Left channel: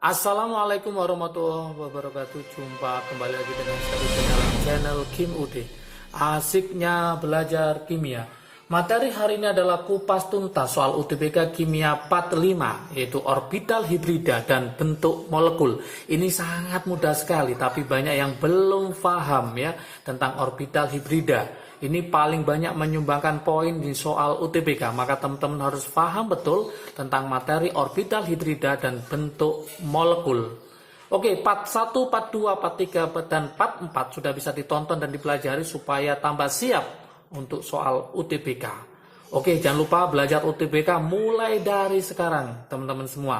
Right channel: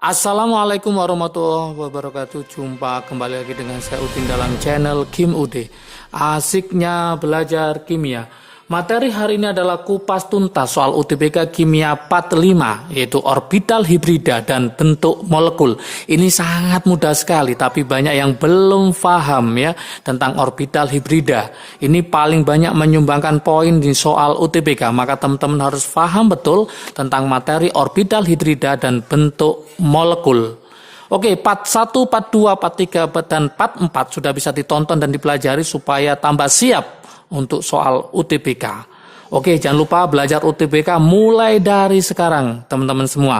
Assalamualaikum warahmatullahi wabarakatuh. Jumpa kembali lagi dengan saya Udin dalam channel Kim UD. Asiknya belajar kimia. Materi hari ini adalah kupas tuntas soal UTBK Kimia Part 5, yaitu orbital hibrida dan bentuk molekul. Ini sangat mudah sekali, tapi banyak yang belum paham ya tentang orbital hibrida. Ini paling banyak menyumbangkan poin di soal UTBK, maka teman-teman harus paham betul tentang materi orbital hibrida dan bentuk molekul. Oke, part 1, part 2, part 3, dan part 4 sudah bisa ditonton dan dipelajari supaya tambah siap untuk soal UTBK. Oke, jangan lupa belajar UTBK mulai dari sekarang, teman-teman semua.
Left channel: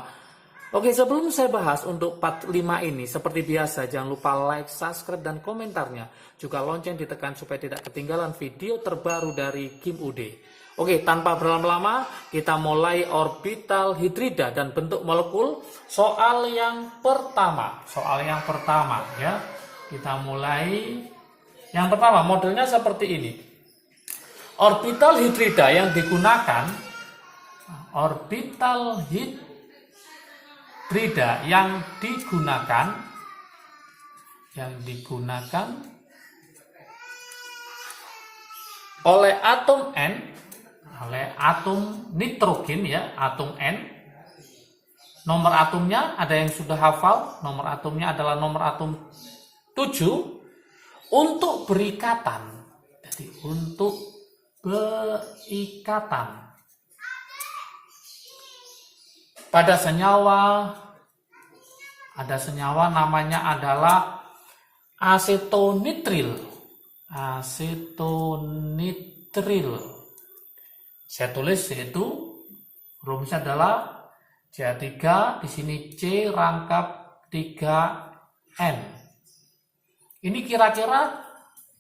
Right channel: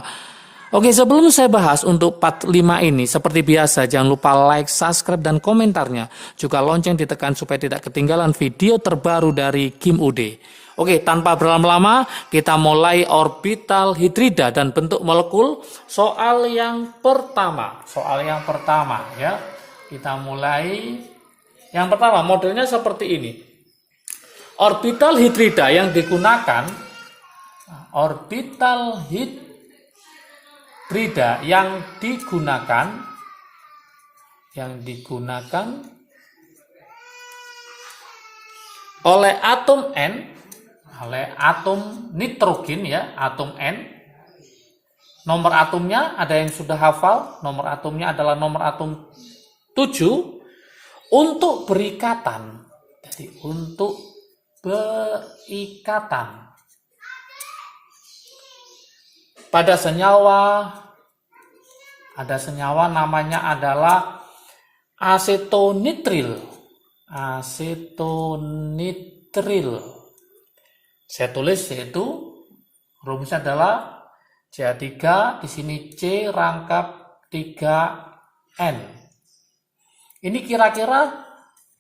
Oke, sebelum saya bahas untuk part 5 ini, seperti biasa, jangan lupa like, subscribe, dan komentarnya. Juga lonceng ditekan supaya tidak ketinggalan video terbaru dari Kim UD. Oke, tanpa berlama-lama, kita mulai orbital hidrida dan bentuk molekul. Soal yang pertama ya. Kita mulai. Yang pertama, modelnya seperti ini. Orbital hidrida yang digunakan oleh atom N, oleh atom nitrogen ya, atom N. Nomor atomnya ada yang sudah hafal, nomor atomnya adalah nomor atom 7 untuk berikatan. Jadi untuk berikatan pada senyawa, ada senyawa namanya adalah asetonitril. Saya tulis yaitu rumusnya adalah CH3, di sini C rangkap 3N. Ini kira-kira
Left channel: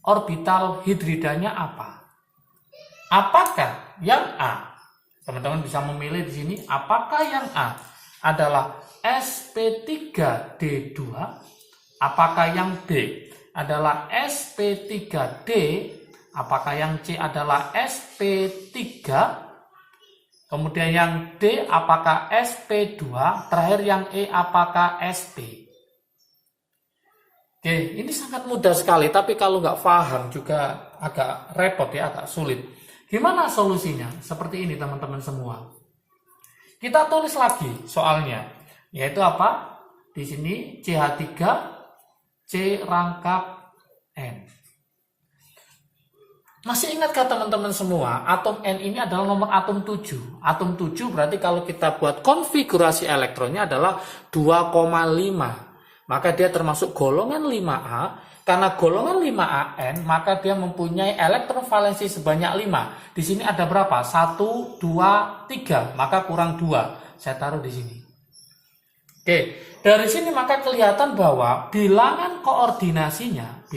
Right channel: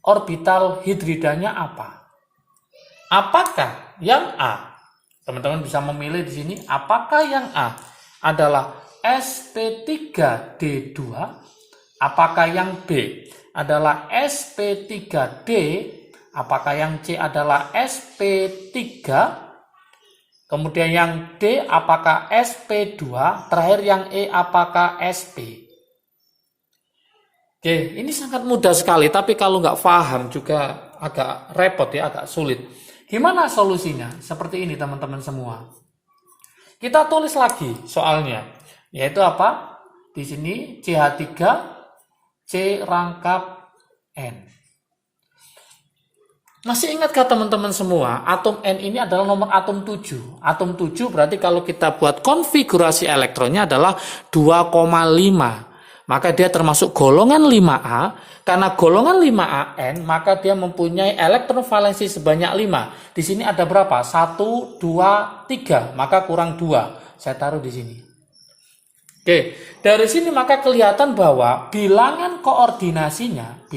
orbital hidridanya apa? Apakah yang A? Teman-teman bisa memilih di sini. Apakah yang A adalah sp3d2? Apakah yang B adalah sp3d? Apakah yang C adalah sp3? Kemudian yang D apakah sp2? Terakhir yang E apakah sp? Oke, ini sangat mudah sekali, tapi kalau nggak paham juga agak repot ya, agak sulit. Gimana solusinya? Seperti ini teman-teman semua. Kita tulis lagi soalnya, yaitu apa? Di sini CH3, C rangkap N. Masih ingatkah teman-teman semua? Atom N ini adalah nomor atom 7. Atom 7 berarti kalau kita buat konfigurasi elektronnya adalah 2,5. Maka dia termasuk golongan 5A. Karena golongan 5AN, maka dia mempunyai elektron valensi sebanyak 5. Di sini ada berapa? 1, 2, 3. Maka kurang 2. Saya taruh di sini. Oke, dari sini maka kelihatan bahwa bilangan koordinasinya,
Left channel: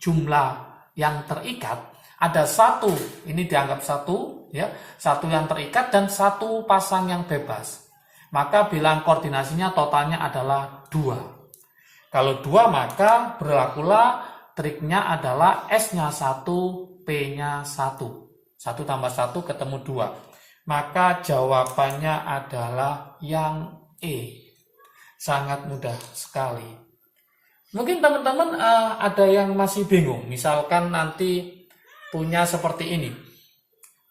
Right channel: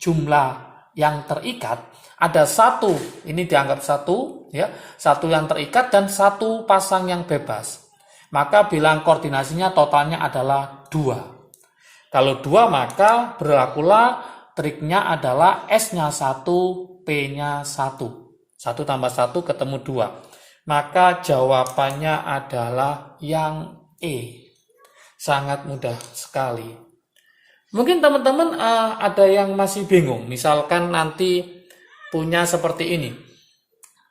jumlah yang terikat, ada 1. Ini dianggap 1, ya. 1 yang terikat dan 1 pasang yang bebas. Maka bilangan koordinasinya totalnya adalah 2. Kalau 2 maka berlakulah triknya adalah S-nya 1, P-nya 1. 1 tambah 1 ketemu 2. Maka jawabannya adalah yang E. Sangat mudah sekali. Mungkin teman-teman ada yang masih bingung. Misalkan nanti punya seperti ini.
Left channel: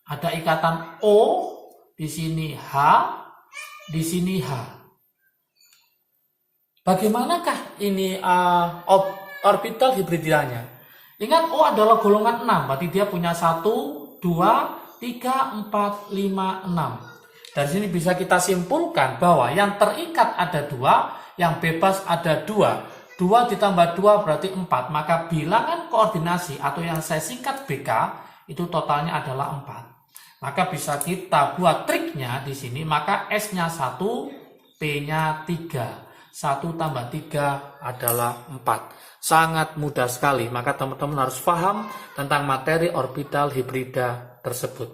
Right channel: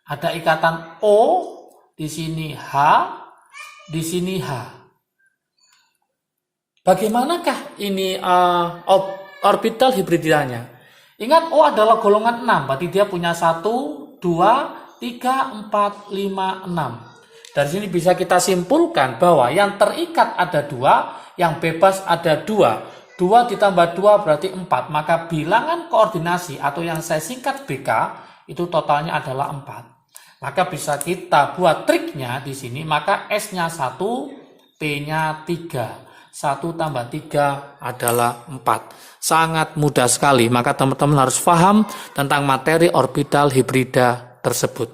Ada ikatan O, di sini H, di sini H. Bagaimanakah ini orbital hibridanya? Ingat O adalah golongan 6, berarti dia punya 1, 2, 3, 4, 5, 6. Dari sini bisa kita simpulkan bahwa yang terikat ada 2, yang bebas ada 2. 2 ditambah 2 berarti 4, maka bilangan koordinasi atau yang saya singkat BK itu totalnya adalah 4. Maka bisa kita buat triknya di sini, maka S-nya 1, P-nya 3. 1 tambah 3 adalah 4. Sangat mudah sekali, maka teman-teman harus paham tentang materi orbital hibrida tersebut.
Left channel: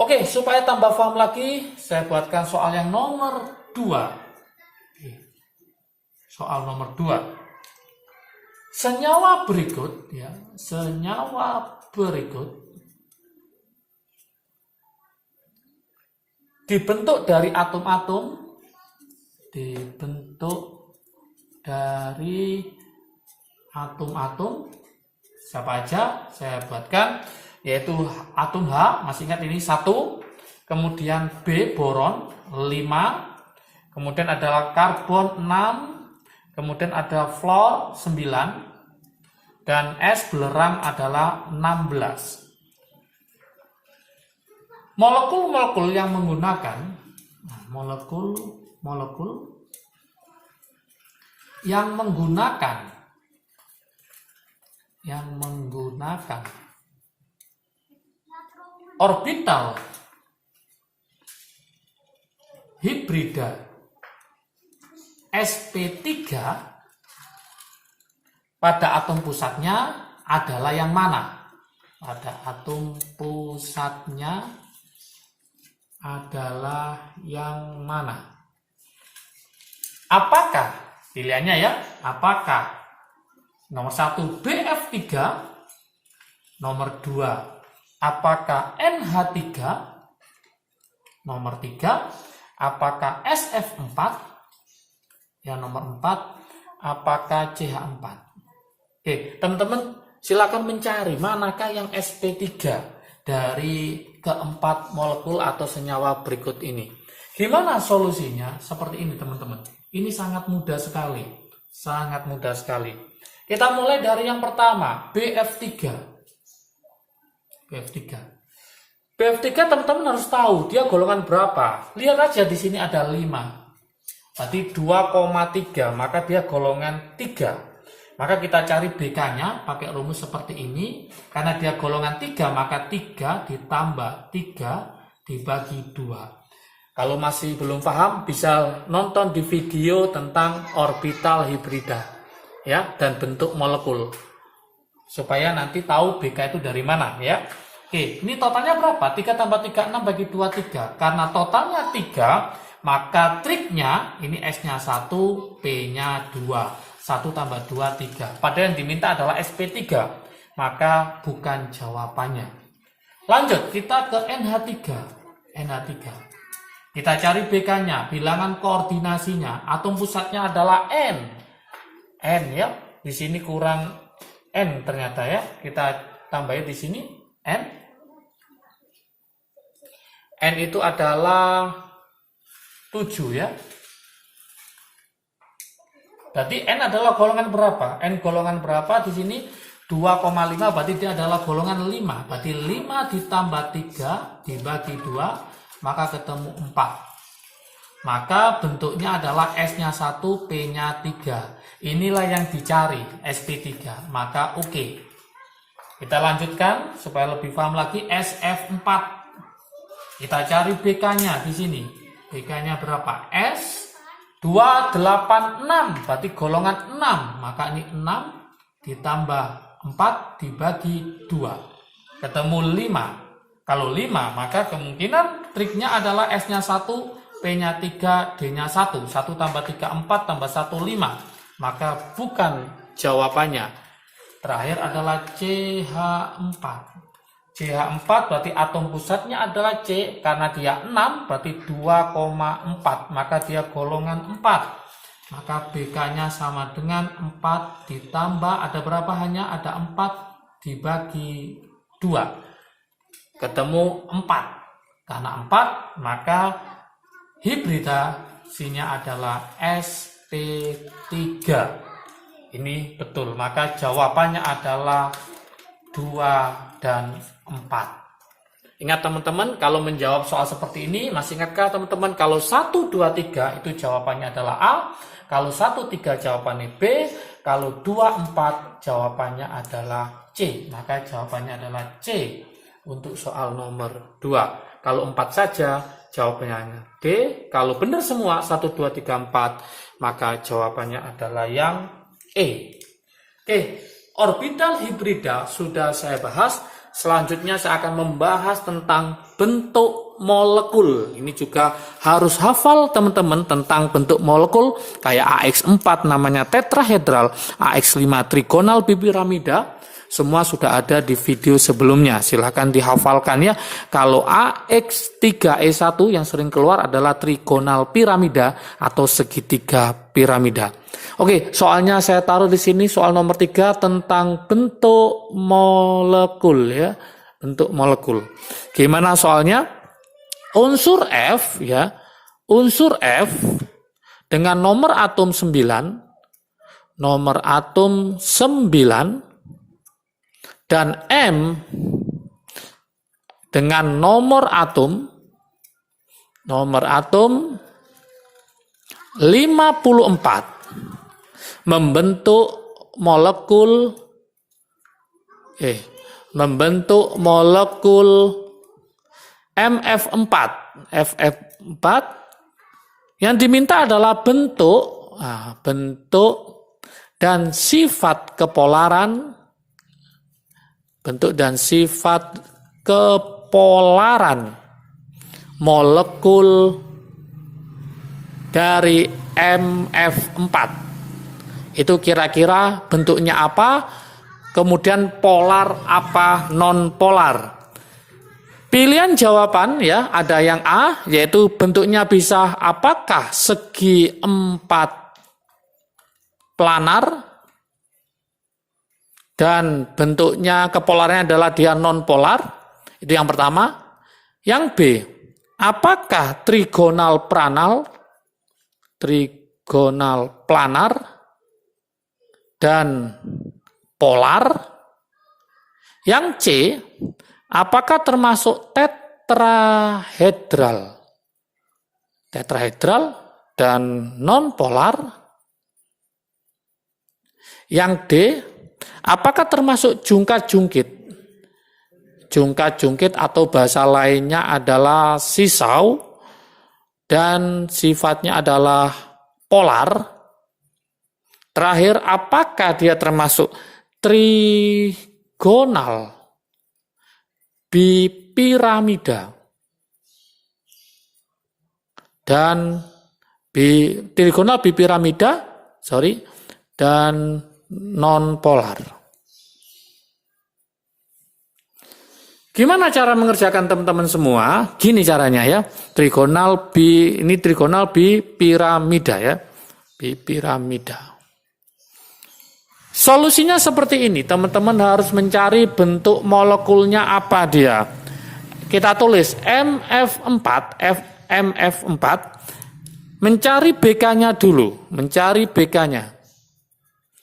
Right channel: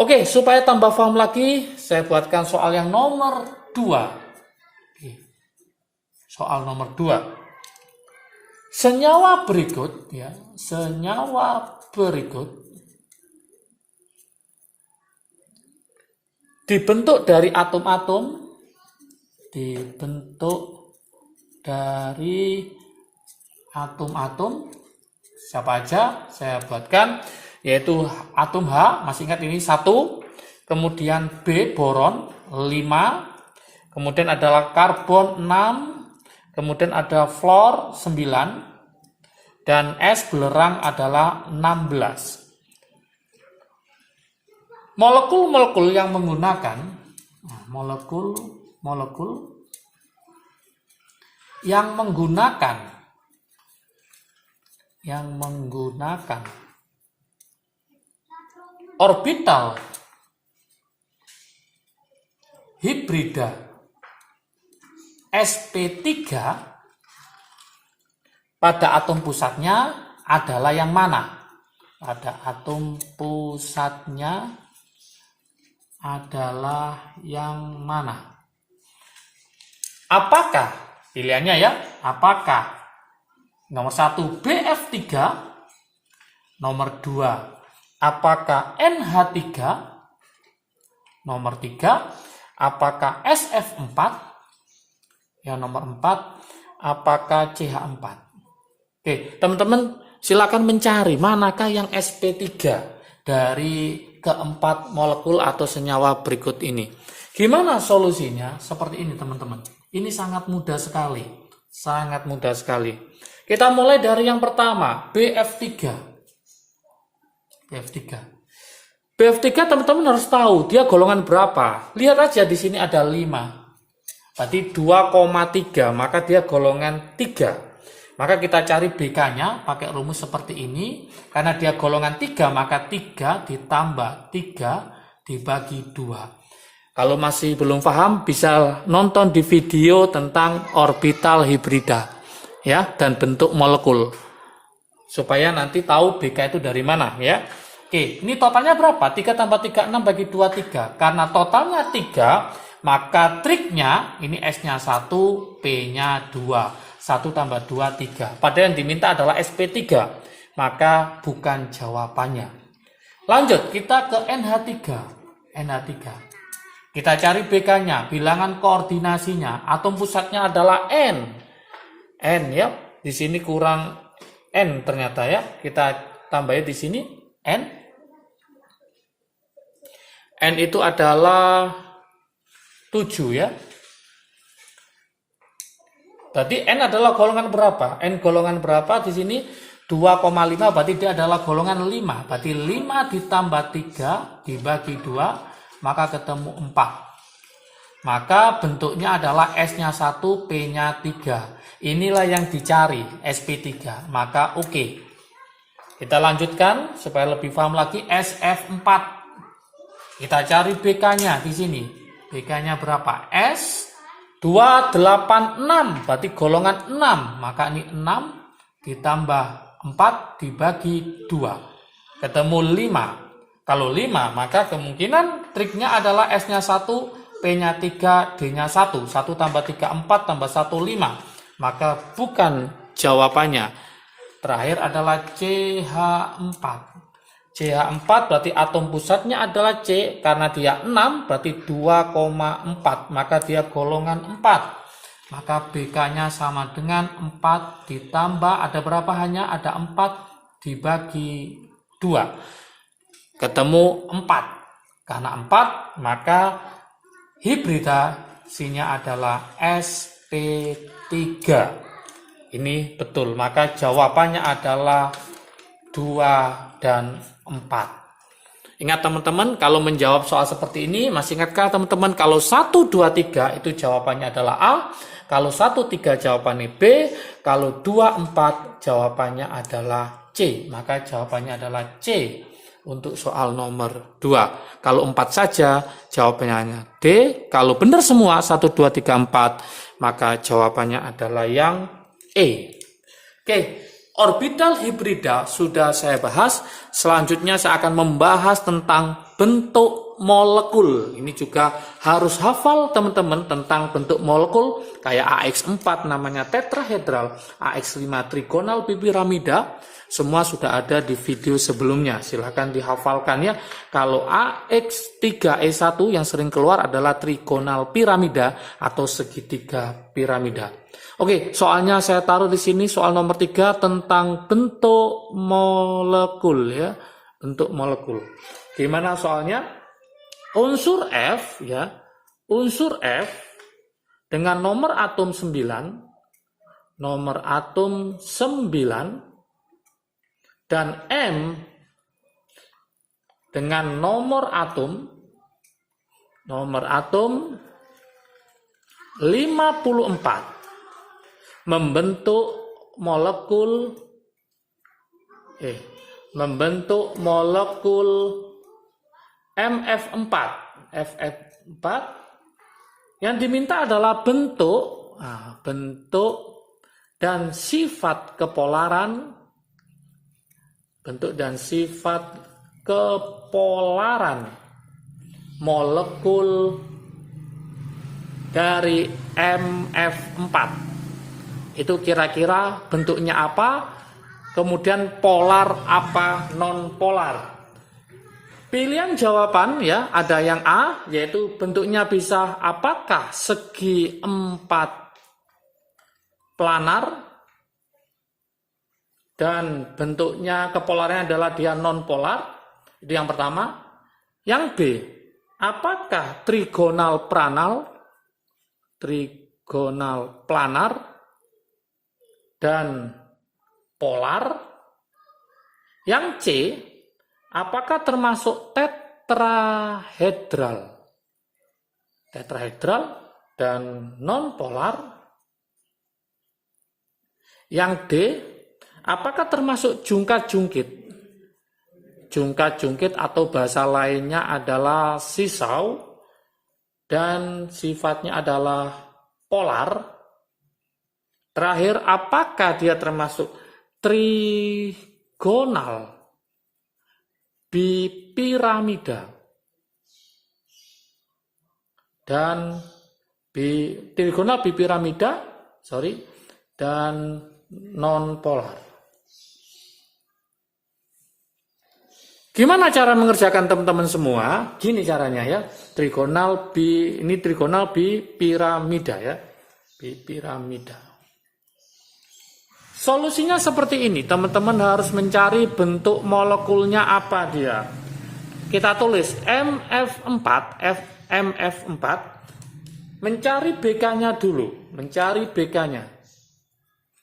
Oke, supaya tambah paham lagi, saya buatkan soal yang nomor 2. Soal nomor 2. Senyawa berikut dibentuk dari atom-atom dibentuk dari atom-atom. Siapa aja saya buatkan, yaitu atom H, masih ingat ini 1, kemudian B boron 5, kemudian adalah karbon 6, kemudian ada fluor 9, dan S belerang adalah 16. Molekul-molekul yang menggunakan molekul yang menggunakan orbital hibrida sp3 pada atom pusatnya adalah yang mana? Pada atom pusatnya adalah yang mana? Apakah, pilihannya ya, apakah nomor 1 BF3, nomor 2 apakah NH3, nomor 3 apakah SF4, yang nomor 4 apakah CH4. Oke, teman-teman silakan mencari manakah yang sp3 dari keempat molekul atau senyawa berikut ini. Gimana solusinya? Seperti ini teman-teman. Ini sangat mudah sekali. Sangat mudah sekali. Kita mulai dari yang pertama, BF3. BF3 teman-teman harus tahu dia golongan berapa. Lihat aja di sini ada 5. Berarti 2,3, maka dia golongan 3. Maka kita cari BK-nya pakai rumus seperti ini. Karena dia golongan 3, maka 3 ditambah 3 dibagi 2. Kalau masih belum paham, bisa nonton di video tentang orbital hibrida, ya, dan bentuk molekul. Supaya nanti tahu BK itu dari mana, ya. Oke, ini totalnya berapa? 3 tambah 3, 6 bagi 2, 3. Karena totalnya 3, maka triknya, ini S-nya 1, P-nya 2. 1 tambah 2, 3. Padahal yang diminta adalah SP3. Maka bukan jawabannya. Lanjut, kita ke NH3. Kita cari BK-nya, bilangan koordinasinya. Atom pusatnya adalah N. N ya. Di sini kurang N ternyata ya. Kita tambahin di sini N. N itu adalah 7 ya. Berarti N adalah golongan berapa? N golongan berapa di sini? 2,5, berarti dia adalah golongan 5. Berarti 5 ditambah 3 dibagi 2, maka ketemu 4. Maka bentuknya adalah S-nya 1, P-nya 3. Inilah yang dicari, SP3. Maka oke. Kita lanjutkan supaya lebih paham lagi, SF4. Kita cari BK-nya di sini. BK-nya berapa? S 286, berarti golongan 6. Maka ini 6 ditambah 4 dibagi 2. Ketemu 5. Kalau 5, maka kemungkinan triknya adalah S-nya 1, P-nya 3, D-nya 1. 1 tambah 3, 4 tambah 1, 5. Maka bukan jawabannya. Terakhir adalah CH4. CH4 berarti atom pusatnya adalah C, karena dia 6 berarti 2,4, maka dia golongan 4. Maka BK-nya sama dengan 4 ditambah ada berapa, hanya ada 4 dibagi 2. Ketemu 4. Karena 4 maka hibridasinya adalah SP3. Ini betul, maka jawabannya adalah 2 dan 4. Ingat teman-teman, kalau menjawab soal seperti ini, masih ingatkah teman-teman kalau 1, 2, 3 itu jawabannya adalah A, kalau 1, 3 jawabannya B, kalau 2, 4 jawabannya adalah C, maka jawabannya adalah C untuk soal nomor 2. Kalau 4 saja jawabannya hanya D, kalau benar semua 1, 2, 3, 4 maka jawabannya adalah yang E. Oke. Orbital hibrida sudah saya bahas. Selanjutnya saya akan membahas tentang bentuk molekul. Ini juga harus hafal teman-teman tentang bentuk molekul. Kayak AX4 namanya tetrahedral, AX5 trigonal bipiramida, Semua sudah ada di video sebelumnya. Silahkan dihafalkan ya. Kalau AX3E1 yang sering keluar adalah trigonal piramida atau segitiga piramida. Oke, soalnya saya taruh di sini soal nomor 3 tentang bentuk molekul ya. Bentuk molekul. Gimana soalnya? Unsur F ya. Unsur F dengan nomor atom 9 dan M dengan nomor atom 54 membentuk molekul MF4. FF4 yang diminta adalah bentuk dan sifat kepolaran molekul dari MF4. Itu kira-kira bentuknya apa, kemudian polar apa, non polar. Pilihan jawaban ya, ada yang A, yaitu bentuknya bisa apakah segi 4 planar dan bentuknya kepolarnya adalah dia non polar. Itu yang pertama. Yang B, apakah trigonal planar dan polar. Yang C, apakah termasuk tetrahedral dan non polar. Yang D, apakah termasuk jungkat-jungkit atau bahasa lainnya adalah sisau dan sifatnya adalah polar. Terakhir, apakah dia termasuk trigonal bipiramida dan dan non polar. Gimana cara mengerjakan teman-teman semua? Gini caranya ya. Trigonal bipiramida ya. Bipiramida. Solusinya seperti ini. Teman-teman harus mencari bentuk molekulnya apa dia. Kita tulis MF4 mencari BK-nya dulu,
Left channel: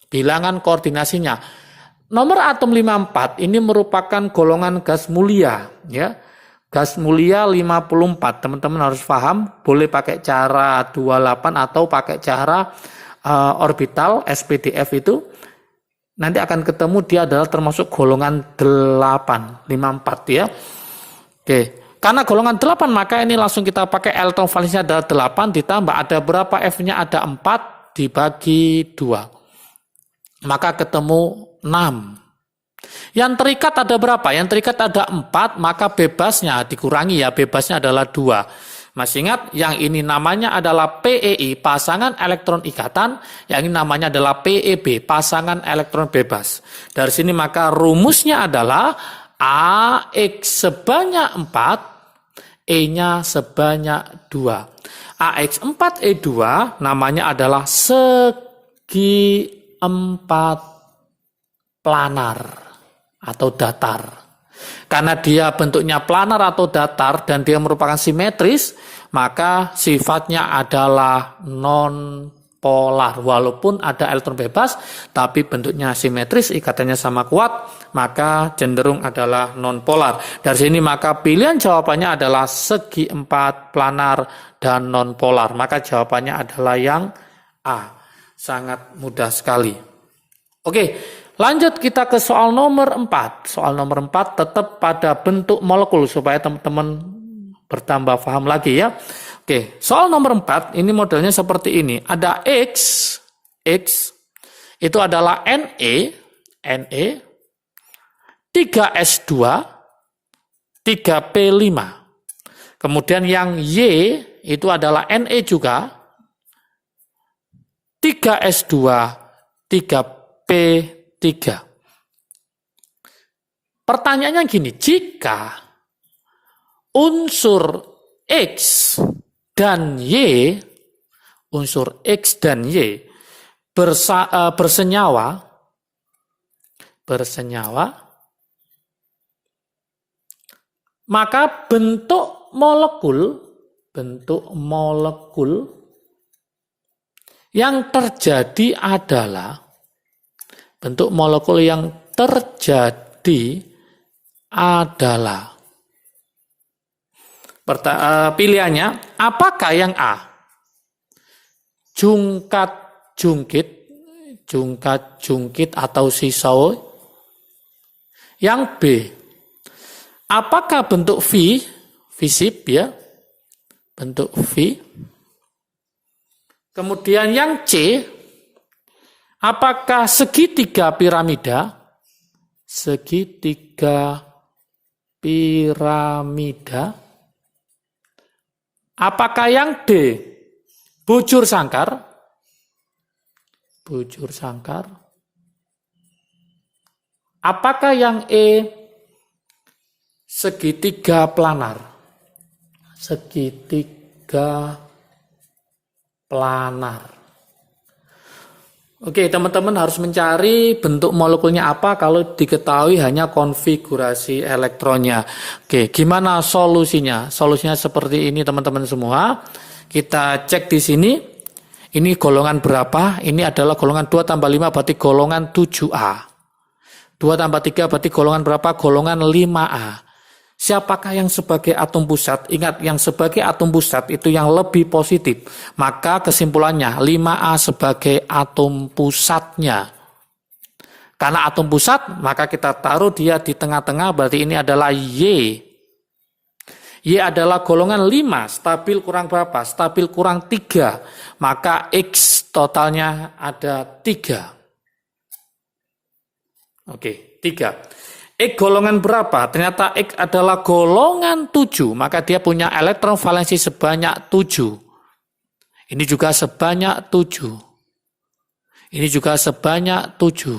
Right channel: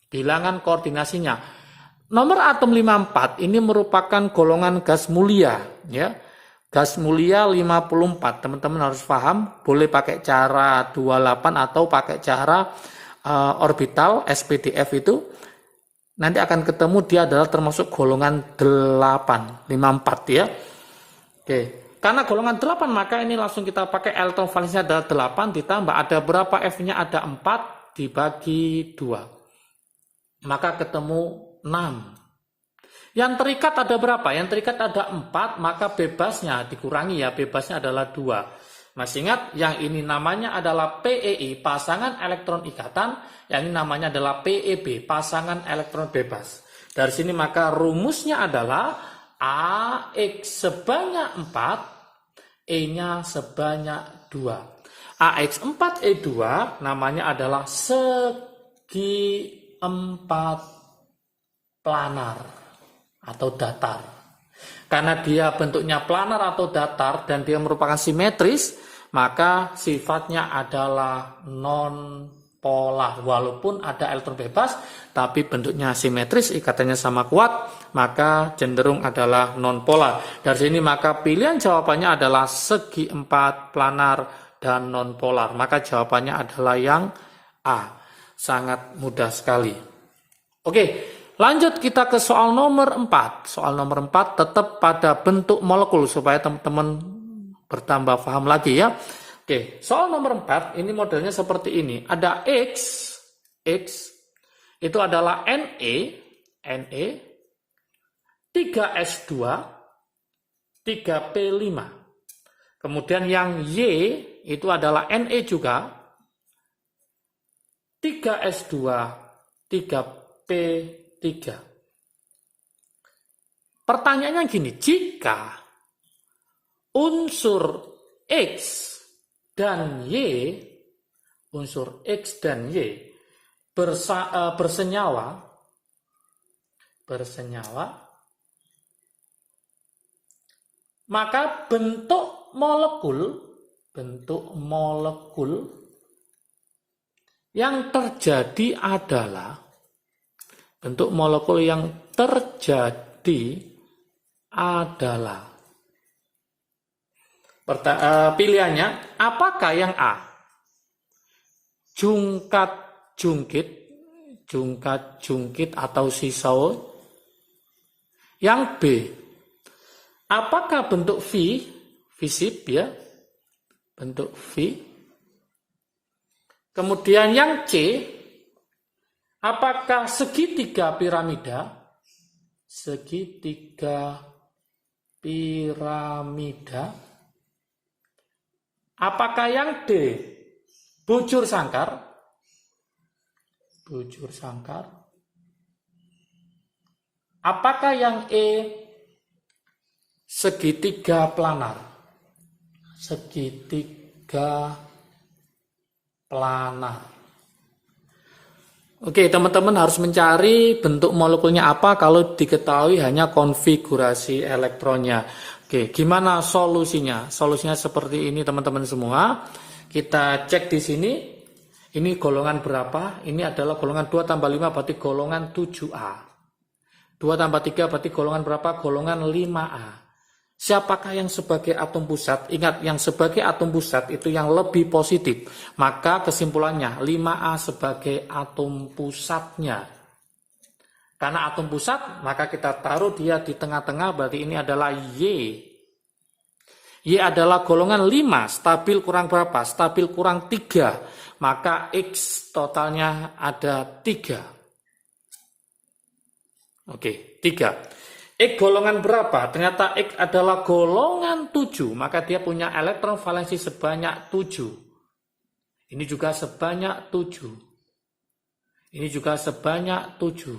bilangan koordinasinya. Nomor atom 54 ini merupakan golongan gas mulia ya. Gas mulia 54. Teman-teman harus paham, boleh pakai cara 28 atau pakai cara orbital SPDF itu. Nanti akan ketemu dia adalah termasuk golongan 8, 54 ya. Oke, karena golongan 8 maka ini langsung kita pakai elektron valensinya adalah 8 ditambah ada berapa F-nya ada 4 dibagi 2. Maka ketemu 6. Yang terikat ada berapa? Yang terikat ada 4, maka bebasnya dikurangi ya, bebasnya adalah 2. Masih ingat, yang ini namanya adalah PEI, pasangan elektron ikatan, yang ini namanya adalah PEB, pasangan elektron bebas. Dari sini maka rumusnya adalah AX sebanyak 4, E-nya sebanyak 2. AX4E2 namanya adalah segi 4 planar atau datar. Karena dia bentuknya planar atau datar dan dia merupakan simetris, maka sifatnya adalah non polar. Walaupun ada elektron bebas, tapi bentuknya simetris, ikatannya sama kuat, maka cenderung adalah non polar. Dari sini maka pilihan jawabannya adalah segi 4 planar dan non polar. Maka jawabannya adalah yang A. Sangat mudah sekali. Oke, lanjut kita ke soal nomor 4. Soal nomor 4 tetap pada bentuk molekul supaya teman-teman bertambah paham lagi ya. Oke, soal nomor 4 ini modelnya seperti ini. Ada X itu adalah Na, 3S2, 3P5. Kemudian yang Y itu adalah Na juga, 3S2, 3P3. Pertanyaannya gini, jika unsur X dan Y, bersenyawa, maka bentuk molekul yang terjadi adalah pilihannya apakah yang A? Jungkat-jungkit atau sisau. Yang B, apakah bentuk V, visip ya, bentuk V. Kemudian yang C, apakah segitiga piramida? Apakah yang D, bujur sangkar? Apakah yang E, segitiga planar? Oke, teman-teman harus mencari bentuk molekulnya apa kalau diketahui hanya konfigurasi elektronnya. Oke, gimana solusinya? Solusinya seperti ini teman-teman semua. Kita cek di sini. Ini golongan berapa? Ini adalah golongan 2 tambah 5 berarti golongan 7A. 2 tambah 3 berarti golongan berapa? Golongan 5A. Siapakah yang sebagai atom pusat? Ingat, yang sebagai atom pusat itu yang lebih positif. Maka kesimpulannya 5A sebagai atom pusatnya. Karena atom pusat, maka kita taruh dia di tengah-tengah, berarti ini adalah Y. Y adalah golongan 5, stabil kurang berapa? Stabil kurang 3. Maka X totalnya ada 3. Oke, 3. X golongan berapa? Ternyata X adalah golongan 7, maka dia punya elektron valensi sebanyak 7. Ini juga sebanyak 7. Ini juga sebanyak 7.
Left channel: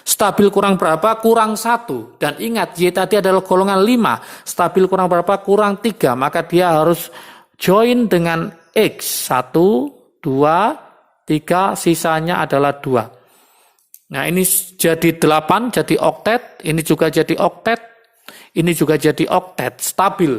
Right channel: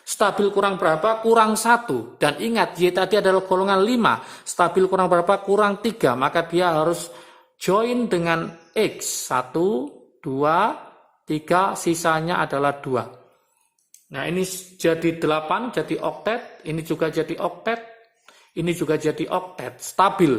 Stabil kurang berapa? Kurang 1. Dan ingat, Y tadi adalah golongan 5. Stabil kurang berapa? Kurang 3. Maka dia harus join dengan X. 1, 2, 3, sisanya adalah 2. Nah, ini jadi 8, jadi oktet. Ini juga jadi oktet. Ini juga jadi oktet, stabil.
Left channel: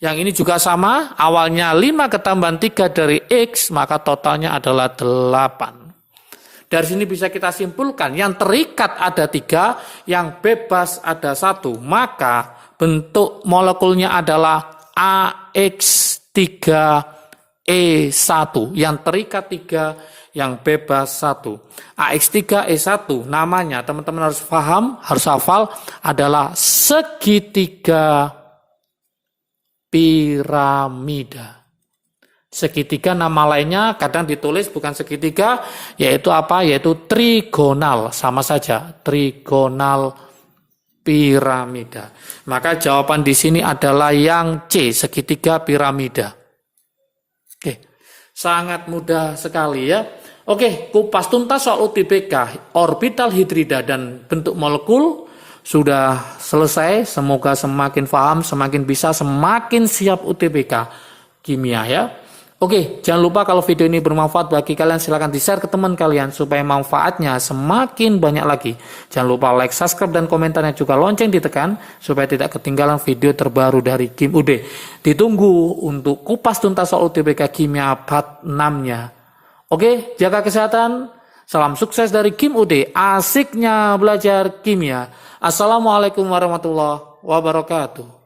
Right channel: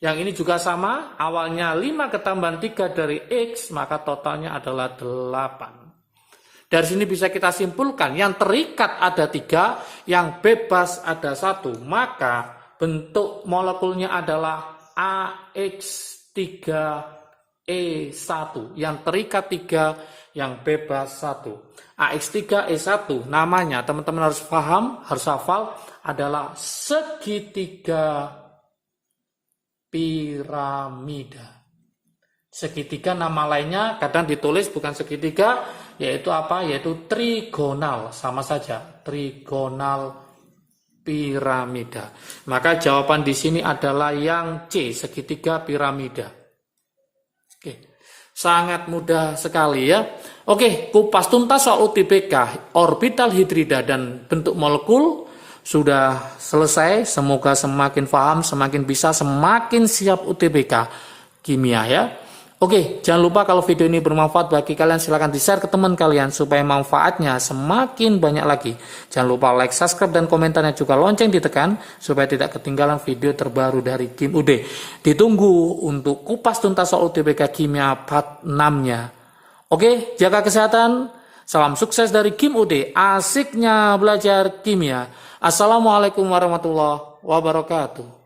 Yang ini juga sama, awalnya 5 ketambahan 3 dari X, maka totalnya adalah 8. Dari sini bisa kita simpulkan, yang terikat ada 3, yang bebas ada 1. Maka bentuk molekulnya adalah AX3E1. Yang terikat 3, yang bebas 1. AX3E1 namanya, teman-teman harus paham, harus hafal, adalah segitiga piramida. Segitiga nama lainnya kadang ditulis bukan segitiga, yaitu apa? Yaitu trigonal, sama saja, trigonal piramida. Maka jawaban di sini adalah yang C, segitiga piramida. Oke, sangat mudah sekali ya. Oke, kupas tuntas soal UTBK, orbital hidrida dan bentuk molekul sudah selesai. Semoga semakin paham, semakin bisa, semakin siap UTBK kimia ya. Oke, jangan lupa kalau video ini bermanfaat bagi kalian, silahkan di-share ke teman kalian supaya manfaatnya semakin banyak lagi. Jangan lupa like, subscribe, dan komentarnya juga lonceng ditekan supaya tidak ketinggalan video terbaru dari Kim UD. Ditunggu untuk kupas tuntas soal UTBK kimia part 6-nya. Oke, jaga kesehatan. Salam sukses dari Kim UD, asiknya belajar kimia. Assalamualaikum warahmatullahi wabarakatuh.